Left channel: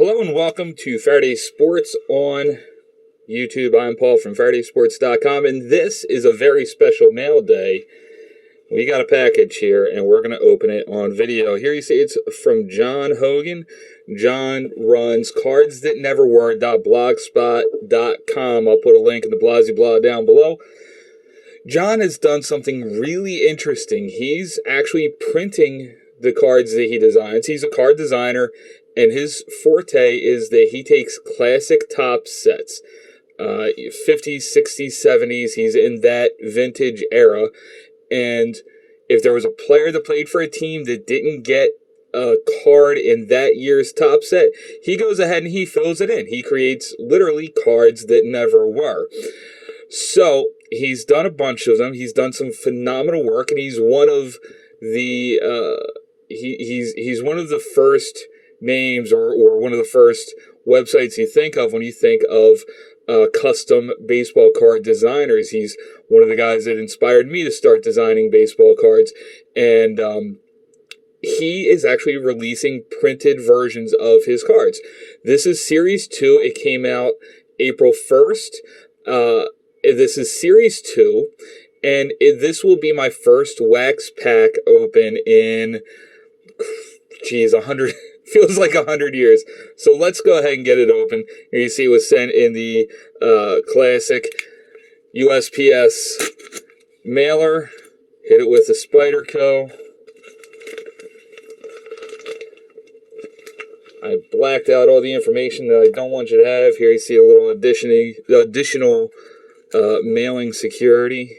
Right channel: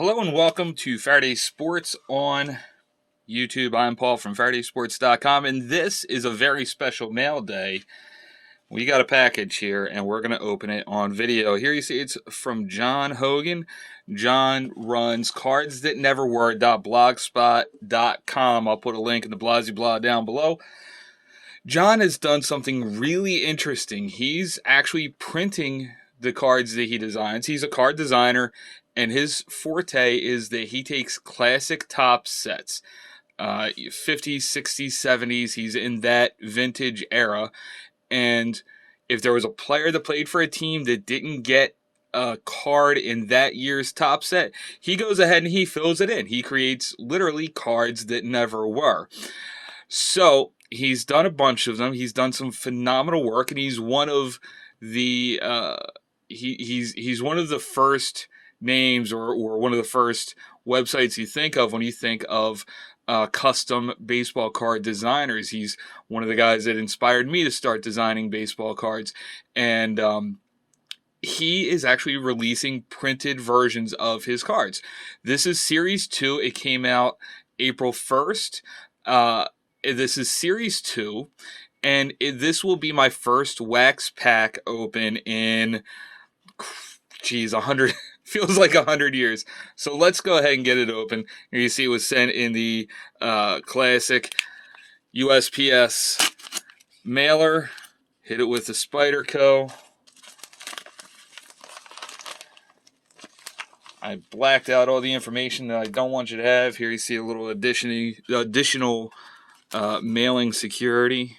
Hello and welcome to Faraday Sports on YouTube. I'm Paul from FaradaySports.com, and this is a very special mail day. We got a package here, and we're going to open it on video. Here you see it's from John Hogan. John runs cardsthatneverwere.blogspot.com. I'll put a link in the Blasey Blah down below. John has done something really interesting. He's actually printing the cards that he designs. He's a card designer, and his forte is that he takes classic top sets, 50s, 60s, 70s. He's in that vintage era. And if there was a player that played for a team that didn't get a card in that year's top set, he goes ahead and he fills it in. He creates literally cards that never were. So he's done a bunch of them. He's done some phenomenal work, and he's one of the he's one of the first names or one of the first websites you think of when you think of custom baseball card designers. He's one of the guys that inspired me to start designing baseball cards, and he is actually releasing printed versions of his cards. This is Series 2. It came out April 1st. This is Series 2, and this will be my first wax pack open in, 100, feels like 100 years. So let's go ahead and get it open. Here you see it was sent in the classic USPS mailer. Hit it with the Spyderco. I blacked out all the information that I don't want you to have. Here you see a little additional mailing security.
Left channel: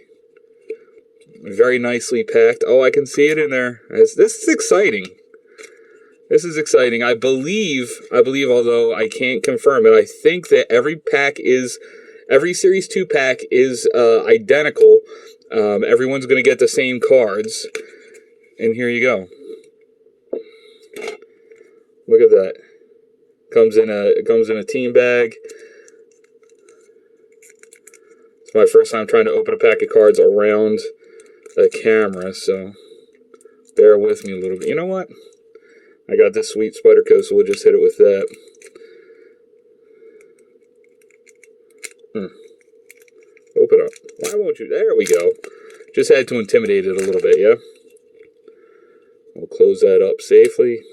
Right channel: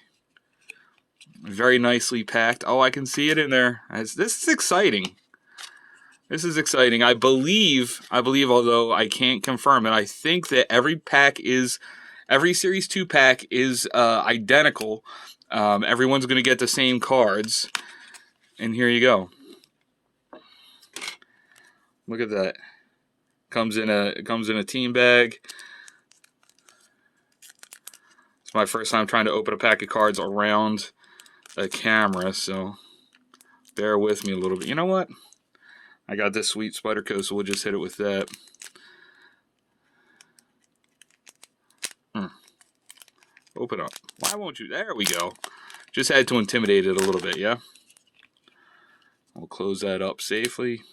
Very nicely packed. Oh, I can see it in there. This is exciting. This is exciting. I believe, although I can't confirm it, I think that every Series 2 pack is identical. Everyone's going to get the same cards. And here you go. Look at that. Comes in a team bag. It's my first time trying to open a pack of cards around a camera, so bear with me a little bit. You know what? I got this sweet Spyderco, so we'll just hit it with that. Open up. Why won't you? There we go. Just had to intimidate it a little bit, yeah? We'll close that up safely.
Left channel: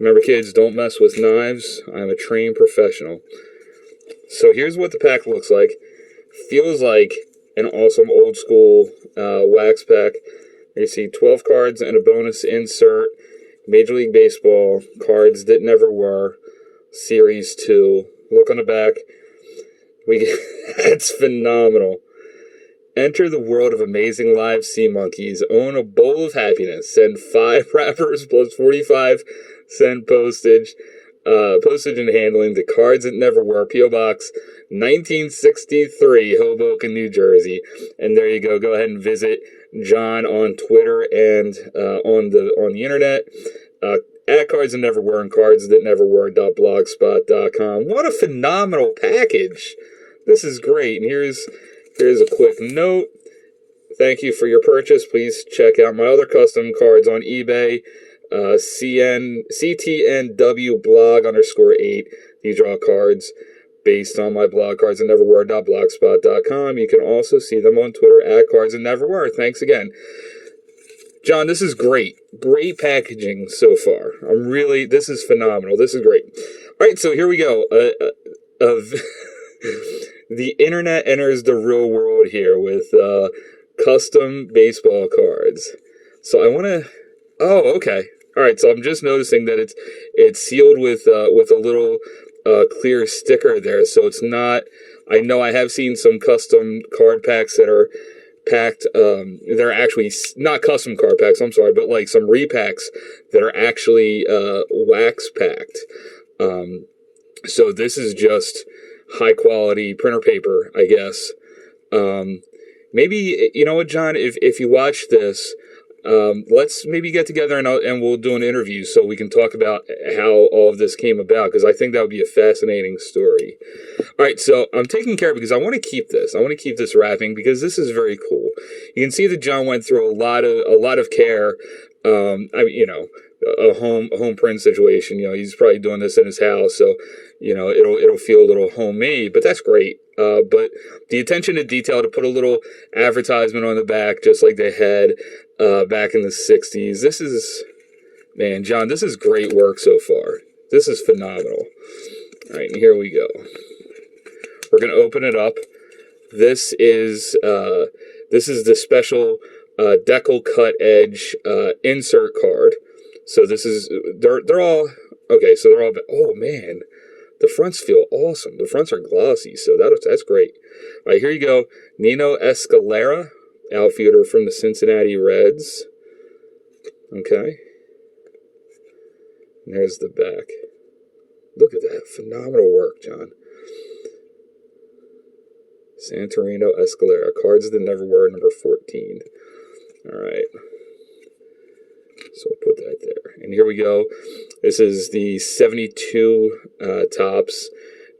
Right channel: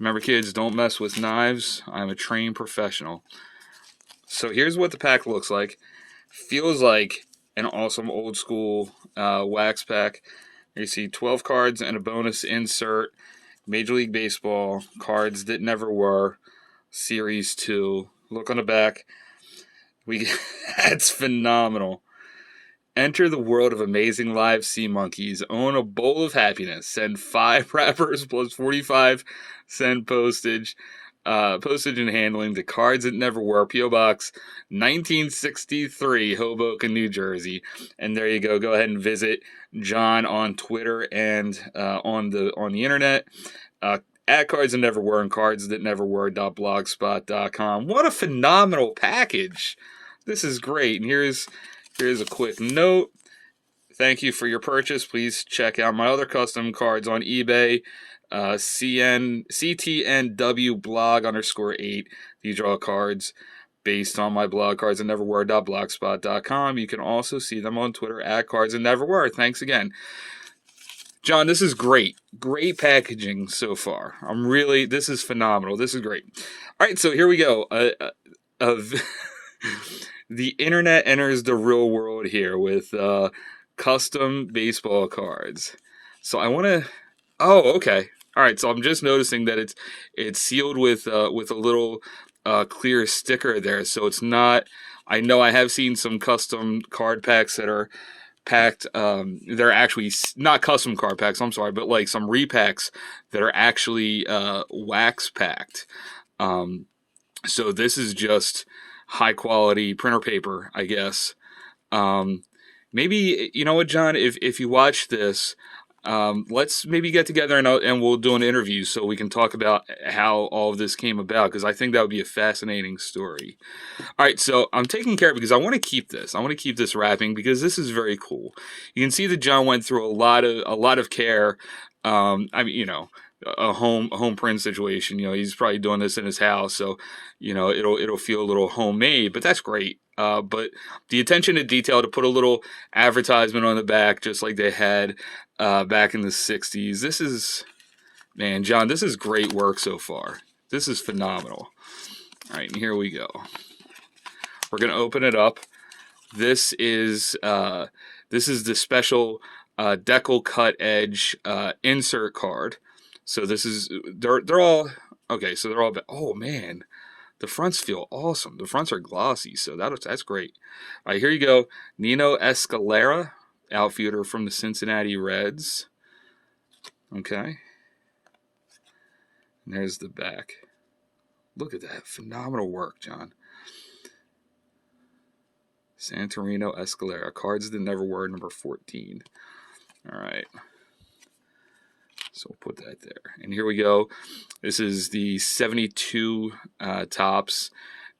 Remember, kids, don't mess with knives. I'm a trained professional. So here's what the pack looks like. Feels like an awesome old school wax pack. You see 12 cards and a bonus insert. Major League Baseball, cards that never were, Series 2. Look on the back. It's phenomenal. Enter the world of amazing live sea monkeys. Own a bowl of happiness. Send 5 wrappers plus 45-cent postage. Postage and handling. The cards that never were. P.O. Box 1963, Hoboken, New Jersey. And there you go. Go ahead and visit John on Twitter and on the internet. At Cards That Never Were and cardsthatneverwere.blogspot.com. What a phenomenal package! This is great. And here's a quick note. Thank you for your purchase. Please check out my other custom cards on eBay. CTNW blog _8. These are all cards based on my blog, cardsthatneverwere.blogspot.com. You can also see them on Twitter at cardsthatneverwere. Thanks again. John, this is great. Great packaging so far. This is phenomenal. This is great. All right, so here we go. The internet enters the real world here with custom baseball cards. So I want to... Oh, okay. All right, so I'm just noticing that it's sealed with a little clear sticker there, so it's not... I know I have seen some custom card packs that are packed, they're actually not custom card packs, I'm sorry, but like some repacks that are actually wax packed. So this is just high quality printer paper, I guess. Maybe, you know what, John, if you watch this, let's maybe get together and we'll do an interview so we can talk about how all of this came about, because I think that would be a fascinating story. All right, so I'm taking care of it because I want to keep this. I want to keep this wrapping because this is very cool. You can see that John went through a lot of care. a home print situation. He's probably doing this in his house, so it'll feel a little homemade. But that's great. But the attention to detail to put a little advertisement on the back, just like they had back in the '60s. This is, man, John, this is great work so far. This is phenomenal. All right, and here we go. We're gonna open it up. This is the special decal cut edge insert card. So this is they're all okay. So they're all, oh man, the fronts feel awesome. The fronts are glossy, so that's great. All right, here you go. Nino Escalera, outfielder from the Cincinnati Reds. Okay, and there's the back. Look at that, phenomenal work, John. Santorino Escalera, cards that never were, number 14. All right. So we'll put that there. And here we go. This is the 72 Topps.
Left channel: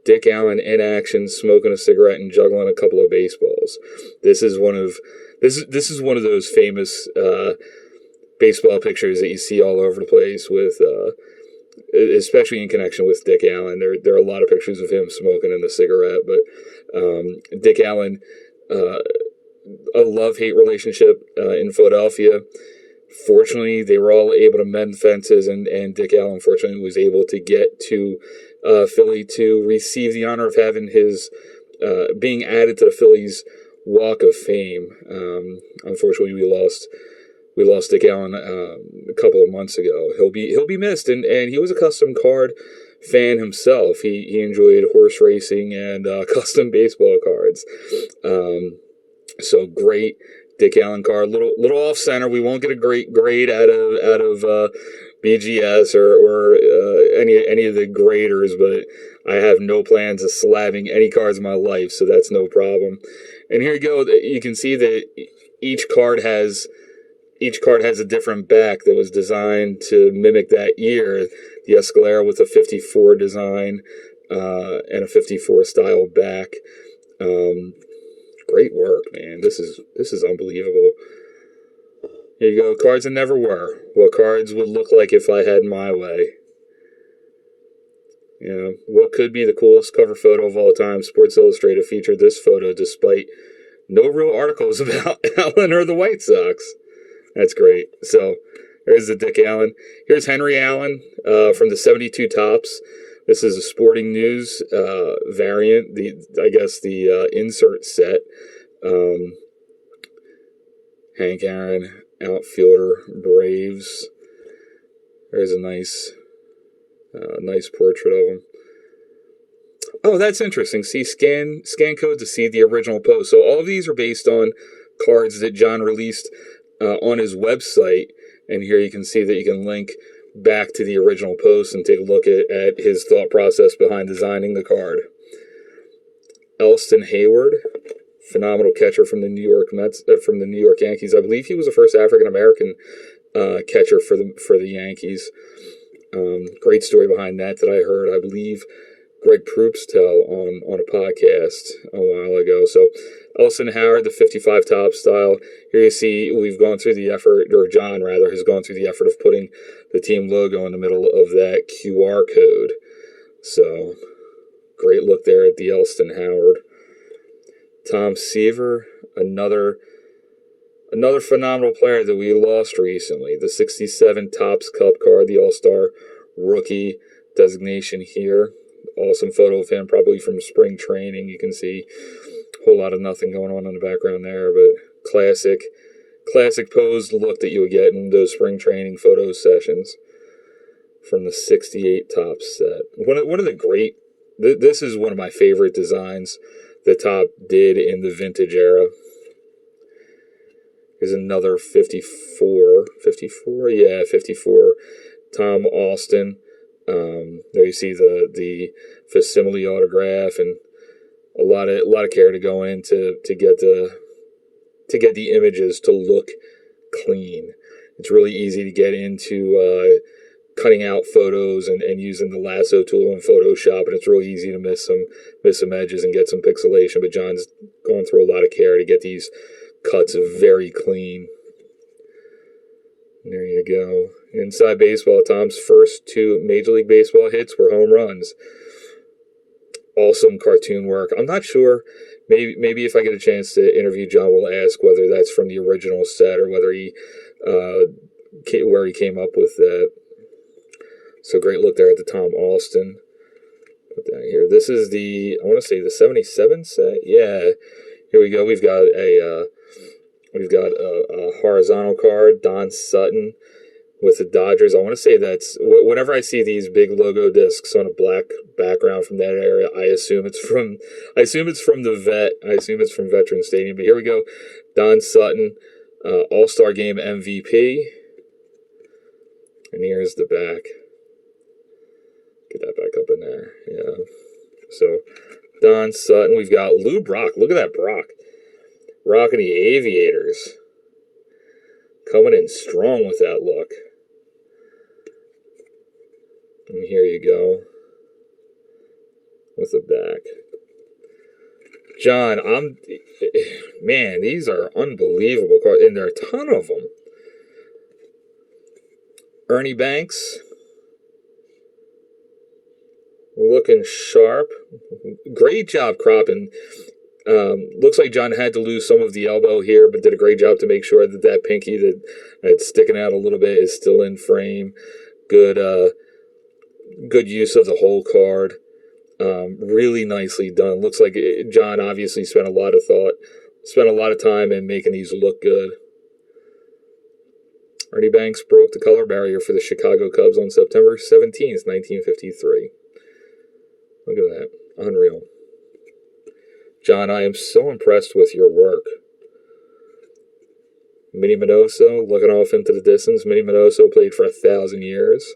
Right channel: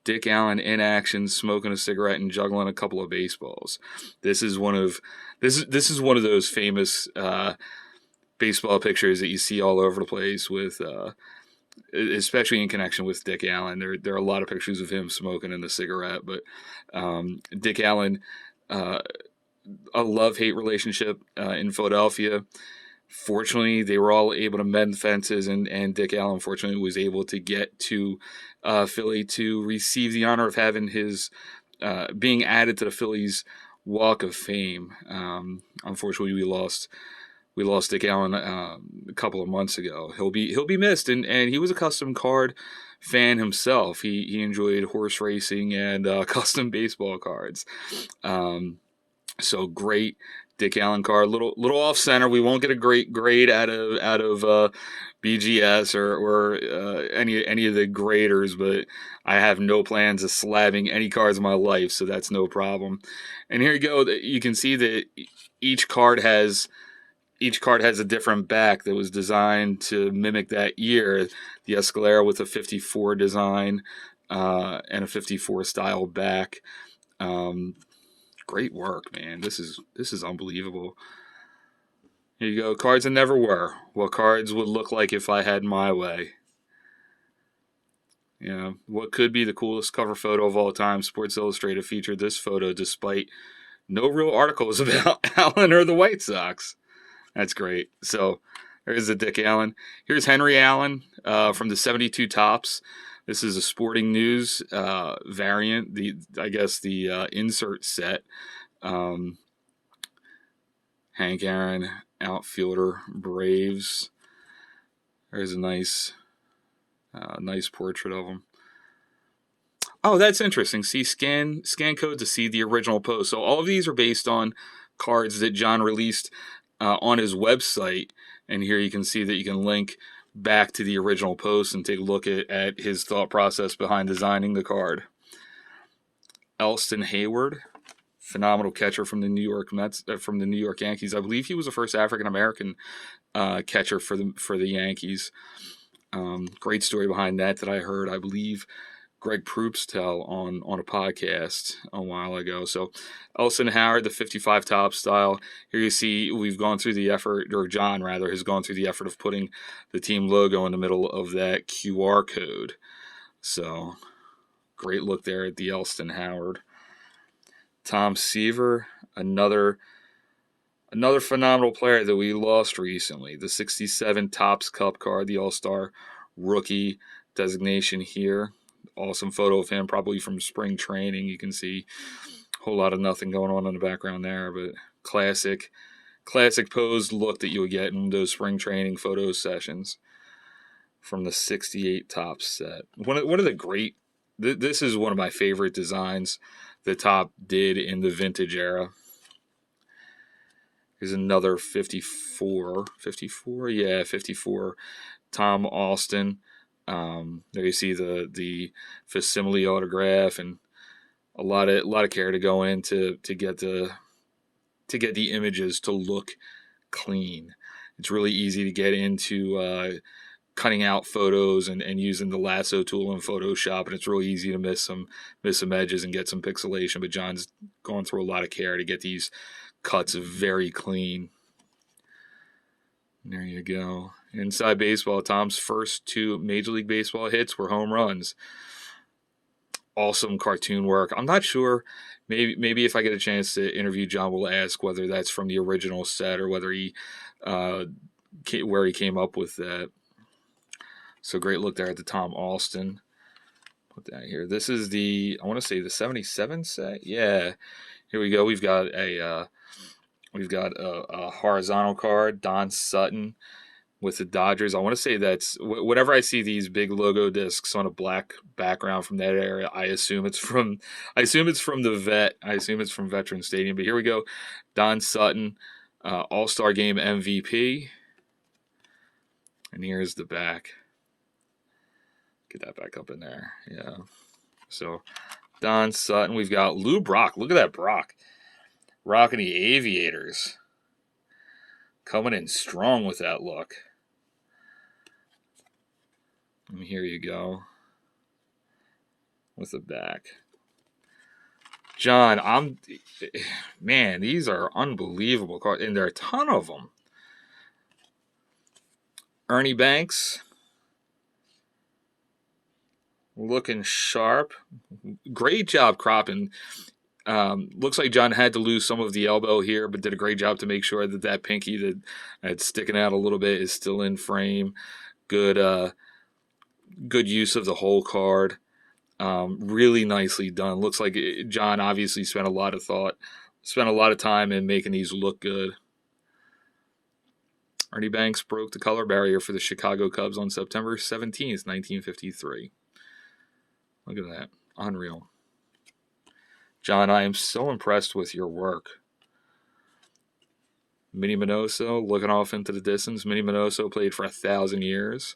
Dick Allen in action, smoking a cigarette and juggling a couple of baseballs. This is one of those famous baseball pictures that you see all over the place with, especially in connection with Dick Allen. There are a lot of pictures of him smoking in the cigarette, but Dick Allen, a love-hate relationship in Philadelphia. Fortunately, they were all able to mend fences, and Dick Allen, fortunately, was able to get to Philly to receive the honor of having his being added to the Phillies Walk of Fame. Unfortunately, we lost Dick Allen a couple of months ago. He'll be missed, and he was a custom card fan himself. He enjoyed horse racing and custom baseball cards. So great Dick Allen card. Little off center. We won't get a great grade out of BGS or any of the graders, but I have no plans of slabbing any cards in my life, so that's no problem. And here you go. You can see that each card has a different back that was designed to mimic that year. The Escalera with a 54 design and a 54 style back. Great work, man. This is unbelievable. Here you go. Cards that never were. What cards would look like if I had my way. What could be the coolest cover photo of all time? Sports Illustrated featured this photo despite no real articles about Allen or the White Sox. That's great. So there's the Dick Allen. Here's Henry Allen from the 72 Topps. This is a Sporting News variant. The insert set. Hank Aaron, outfielder, Braves. There's a nice portrait of him. Oh, that's interesting. See, scan code to see the original post. So all of these are based on cards that John released on his website, and here you can see that you can link back to the original post and take a look at his thought process behind designing the card. Elston Hayward, phenomenal catcher from the New York Mets, from the New York Yankees. I believe he was the first African American catcher for the Yankees. Great story behind that I heard. I believe Greg Proops tell on a podcast a while ago. So Elston Howard, the 55 top style. Here you see we've gone through the effort, or John rather, has gone through the effort of putting the team logo in the middle of that QR code. So great look there at the Elston Howard. Tom Seaver, another phenomenal player that we lost recently. The 67 Topps Cup card, the All-Star rookie designation here. Awesome photo of him, probably from spring training. You can see a whole lot of nothing going on in the background there, but classic posed look that you would get in those spring training photo sessions from the 68 Topps set. One of the great, this is one of my favorite designs that Top did in the vintage era. Here's another 54, yeah, 54 Tom Austin. There you see the facsimile autograph, and a lot of care to go in to get the images to look clean. It's really easy to get into cutting out photos and using the lasso tool in Photoshop, and it's really easy to miss some edges and get some pixelation. But John's going through a lot of care to get these cuts very clean. And there you go. Inside Baseball, Tom's first 2 Major League Baseball hits were home runs. Awesome cartoon work. I'm not sure. Maybe if I get a chance to interview John, we'll ask whether that's from the original set or whether where he came up with that. So great look there at the Tom Alston. Put that here. This is I want to say the 77 set. Yeah. Here we go. We've got a horizontal card, Don Sutton with the Dodgers. I want to say that's, whenever I see these big logo discs on a black background from that area, I assume it's from the vet. I assume it's from Veterans Stadium. But here we go. Don Sutton, All-Star Game MVP. And here's the back. Get that back up in there. Yeah. So, Don Sutton. We've got Lou Brock. Look at that Brock. Rocking the Aviators. Coming in strong with that look. And here you go. With the back. John, man, these are unbelievable cards. And there are a ton of them. Ernie Banks. Looking sharp. Great job cropping. Looks like John had to lose some of the elbow here, but did a great job to make sure that pinky that's sticking out a little bit is still in frame. Good use of the whole card. Really nicely done. Looks like John obviously spent a lot of time in making these look good. Ernie Banks broke the color barrier for the Chicago Cubs on September 17th, 1953. Look at that. Unreal. John, I am so impressed with your work. Minnie Minoso looking off into the distance. Minnie Minoso played for 1,000 years.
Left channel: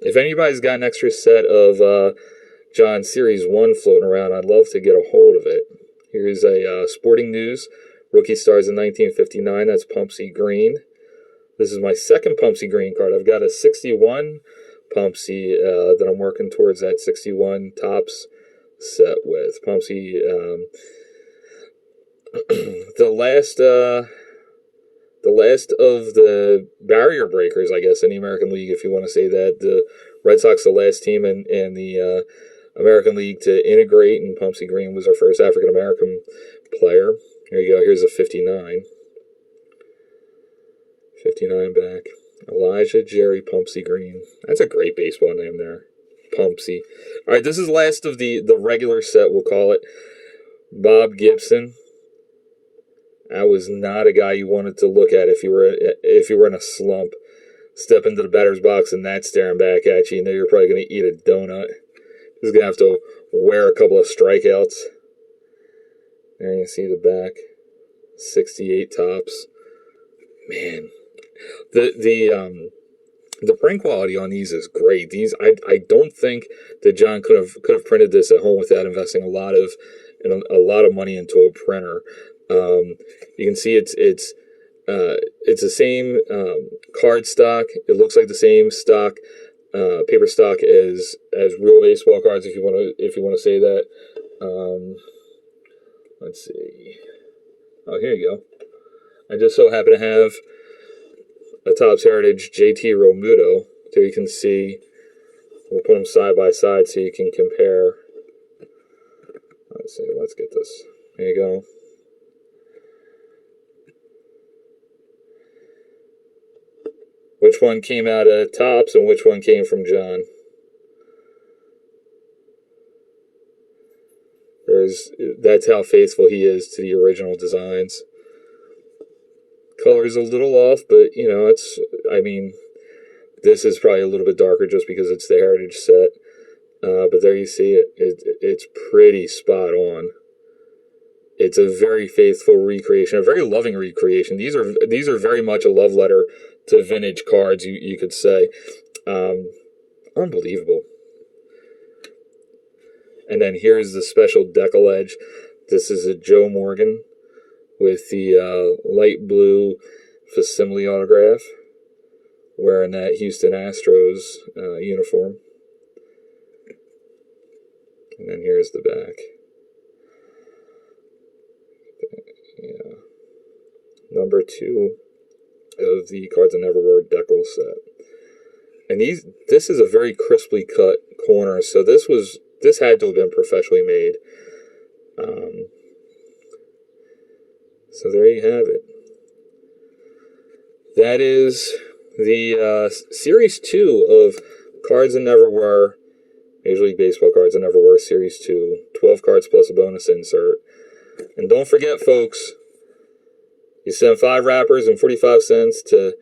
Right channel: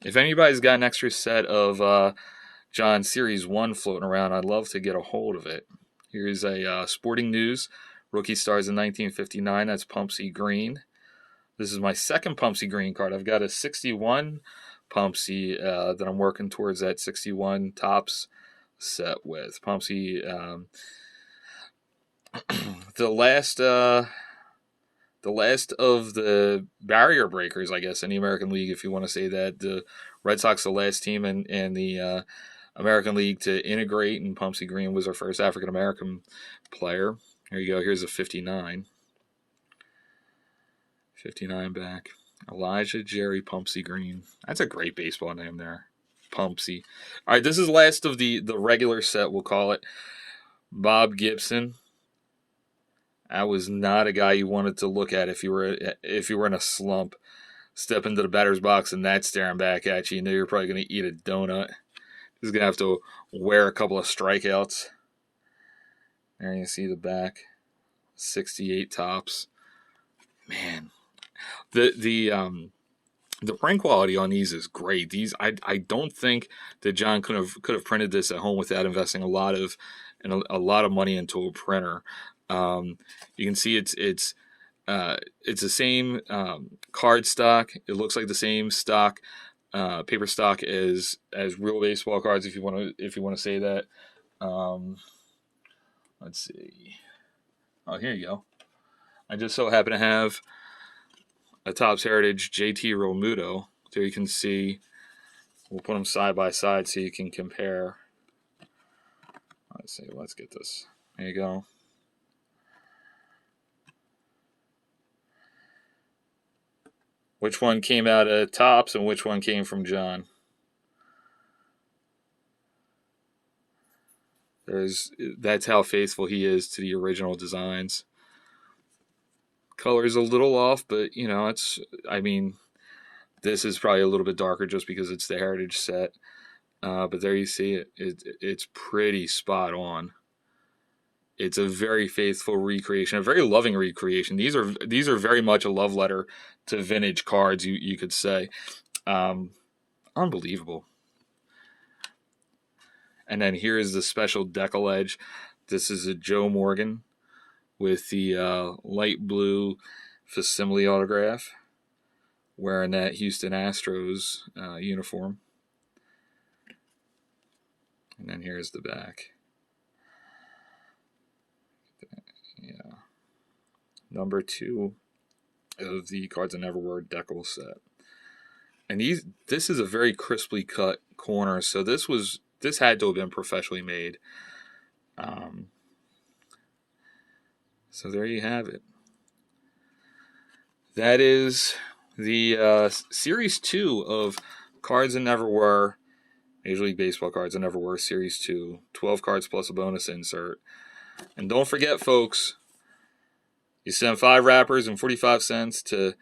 If anybody's got an extra set of John Series 1 floating around, I'd love to get a hold of it. Here's a Sporting News. Rookie stars in 1959. That's Pumpsy Green. This is my second Pumpsy Green card. I've got a 61 Pumpsy that I'm working towards that 61 tops set with. Pumpsy, the last of the barrier breakers, I guess, in the American League, if you want to say that. The Red Sox, the last team in the American League to integrate, and Pumpsy Green was our first African-American player. Here you go. Here's a 59. 59 back. Elijah Jerry Pumpsy Green. That's a great baseball name there. Pumpsy. All right, this is last of the regular set, we'll call it. Bob Gibson. That was not a guy you wanted to look at if you were in a slump. Step into the batter's box and that's staring back at you. You know you're probably going to eat a donut. He's going to have to wear a couple of strikeouts. There you see the back. 68 tops. Man. The print quality on these is great. These I don't think that John could have printed this at home without investing a lot of money into a printer. You can see it's the same card stock. It looks like the same stock, paper stock as real baseball cards, if you want to say that. Let's see. Oh, here you go. I just so happen to have a Topps Heritage JT Realmuto. There you can see. We'll put them side by side so you can compare. Let's see. Let's get this. There you go. Which one came out of Topps and which one came from John? That's how faithful he is to the original designs. Color's a little off, but this is probably a little bit darker just because it's the Heritage set. But there you see it. It's pretty spot on. It's a very faithful recreation, a very loving recreation. These are very much a love letter to vintage cards, you could say. Unbelievable. And then here's the special decal edge. This is a Joe Morgan with the light blue facsimile autograph, wearing that Houston Astros uniform. And then here's the back. Yeah. Number 2 of the Cards That Never Were decal set. And this is a very crisply cut corner, so this had to have been professionally made. So there you have it. That is the Series 2 of Cards That Never Were, Major League Baseball Cards That Never Were, Series 2. 12 cards plus a bonus insert. And don't forget, folks, you send 5 wrappers and 45 cents to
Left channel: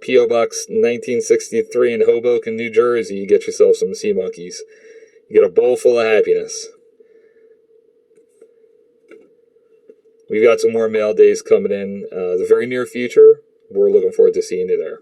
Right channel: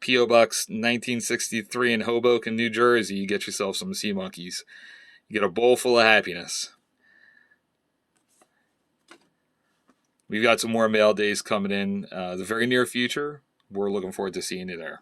P.O. Box 1963 in Hoboken, New Jersey. You get yourself some sea monkeys. You get a bowl full of happiness. We've got some more mail days coming in the very near future. We're looking forward to seeing you there.